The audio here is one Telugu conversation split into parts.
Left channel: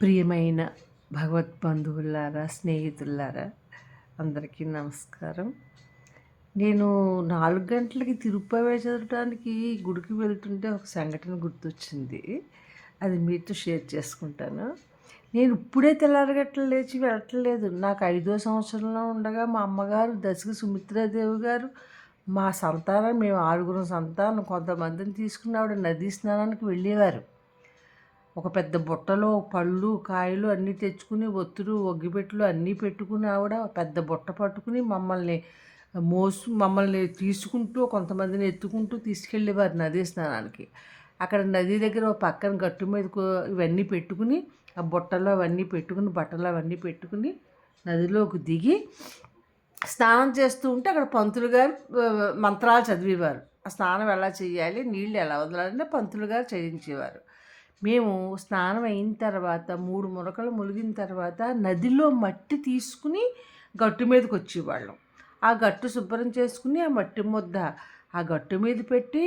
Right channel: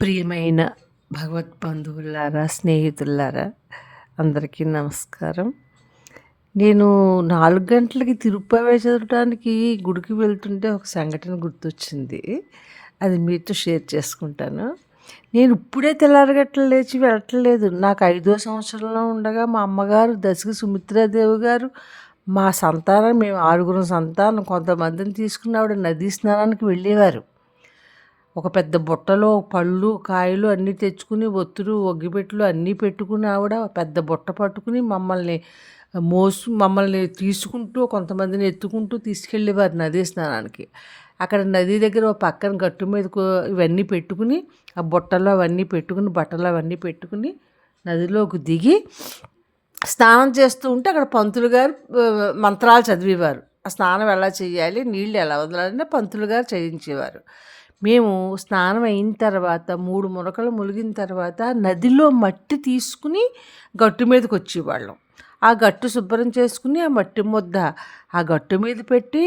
ప్రియమైన భగవద్బంధువులారా, స్నేహితులారా, అందరికీ నమస్కారం. నేను 4 గంటలకి తిరుప్పావై చదవటానికి గుడికి వెళ్తుంటే ఒక సంఘటన గుర్తొచ్చింది. అది మీతో షేర్ చేసుకుంటాను. నేను ఇప్పుడే తెల్లారగట్ల లేచి వెళ్ళట్లేదు. నాకు 5వ సంవత్సరంలో ఉండగా మా అమ్మగారు దశకి సుమిత్రాదేవి గారు మా సంతానం, మేము 6గురం సంతానం, కొంతమందిని తీసుకుని ఆవిడ నదీ స్నానానికి వెళ్ళేవారు. ఒక పెద్ద బుట్టలో పళ్ళు, కాయలు అన్నీ తెచ్చుకుని, ఒత్తులు, ఒగ్గిపెట్టెలు అన్నీ పెట్టుకుని ఆవిడ పెద్ద బుట్ట పట్టుకుని మమ్మల్ని తీసుకుంటూ, కొంతమందిని ఎత్తుకుంటూ తీసుకెళ్ళేవారు నదీ స్నానానికి. అక్కడ నది దగ్గర ఓ పక్కన గట్టు మీద ఇవన్నీ పెట్టుకుని, ఆ బుట్టలో అవన్నీ పెట్టుకుని, బట్టలు అవన్నీ పెట్టుకుని నదిలోకి దిగి స్నానం చేస్తూ ఉంటే అక్కడ పంతులు గారు మంత్రాలు చదివేవారు. ఆ స్నానం ఎలా చేయాలి, నీళ్ళు ఎలా వదలాలని పంతులు గారు చేయించేవారు. మేము స్నానం అయిన తర్వాత 3 మునకలు ములిగిన తర్వాత నదిలో మట్టి తీసుకుని గట్టు మీదకి వచ్చేవాళ్ళం. ఆ గట్టు శుభ్రం చేసుకుని ఆ మట్టి ముద్ద ఆ గట్టు మీద పెట్టి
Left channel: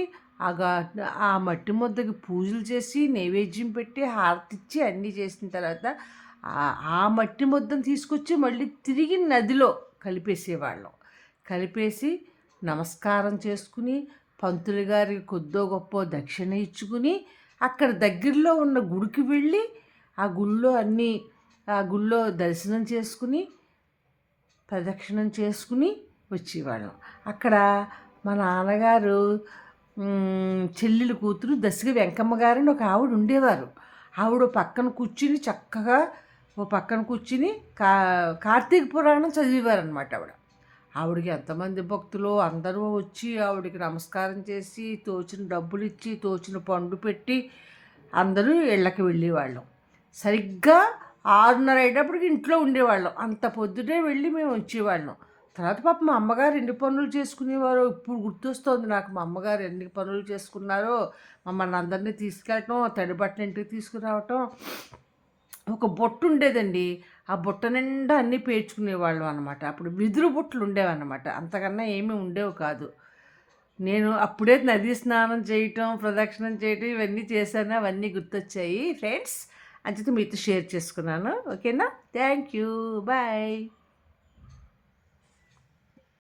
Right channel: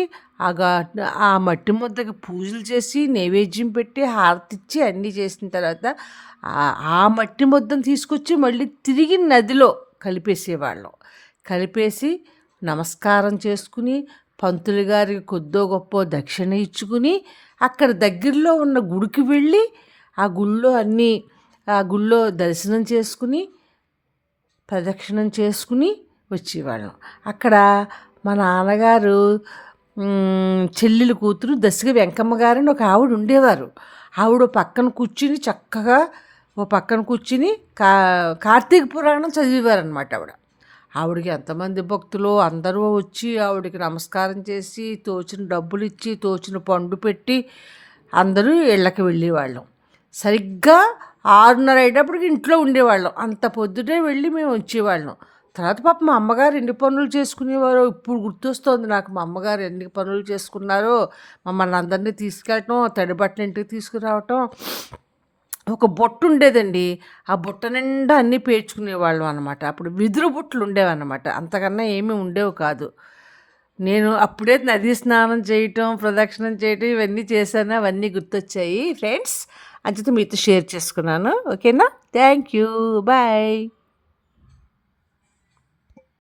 ఆ మట్టి ముద్దకి పూజలు చేసి, నైవేద్యం పెట్టి, హారతిచ్చి అన్నీ చేసిన తర్వాత ఆ మట్టి ముద్దను తీసుకొచ్చి మళ్ళీ తిరిగి నదిలో కలిపేసేవాళ్ళం. కలిపేసి నమస్కారం చేసుకుని, పంతులు గారికి కొద్దో గొప్పో దక్షిణ ఇచ్చుకుని, అక్కడ దగ్గరలో ఉన్న గుడికి వెళ్ళి ఆ గుళ్ళో దర్శనం చేసుకుని, ప్రదక్షిణం చేసుకుని వచ్చేవాళ్ళం. అక్కడ మా నాన్నగారు చెల్లెలు కూతురు దశకి వెంకమ్మ గారని ఒక ఆవిడ ఉండేవారు. ఆవిడ పక్కన కూర్చుని కార్తీక పురాణం చదివేవారనమాట ఆవిడ. ఆవిడకి ఎంతమంది భక్తులు అందరూ వచ్చి ఆవిడకి నమస్కారం చేసి, తోచిన డబ్బులు ఇచ్చి, తోచిన పండు పెట్టి అందరూ ఇళ్ళకి వెళ్ళేవాళ్ళం. సరిగ్గా 6:30 అయ్యేటప్పటికి ఇంట్లో ఉండేవాళ్ళం. అంత పొద్దుటే వెళ్ళి మేము వచ్చేవాళ్ళం. తర్వాత పాప మా అమ్మగారు ఎన్ని పనులు చేసుకునేవారో ఇప్పుడు గుర్తొస్తోంది నాకు. మా అమ్మగారు ఎన్ని పనులు చేసుకున్నారో, మమ్మల్ని అందరినీ తీసుకెళ్ళటం, తడి బట్టలు ఇంటికి తీసుకురావటం. ఒక బుట్ట ఉండేదండి. ఆ బుట్ట నిండా అన్నీ పేర్చుకునేవాళ్ళం అనమాట. అప్పుడు వెదురు బుట్టలు ఉండేవన్నమాట. అంతకన్నా ఏమీ ఉండేవి కాదు. నేను అప్పుడే నదీ స్నానం చేయటం, ప్రదక్షిణం చేయటం ఇవన్నీ చేశాను. అవన్నీ గుర్తొచ్చాయి ఫ్రెండ్స్. అంచేత మీతో షేర్ చేసుకున్నాను. ఓకేనా? Thank you. బాయ్.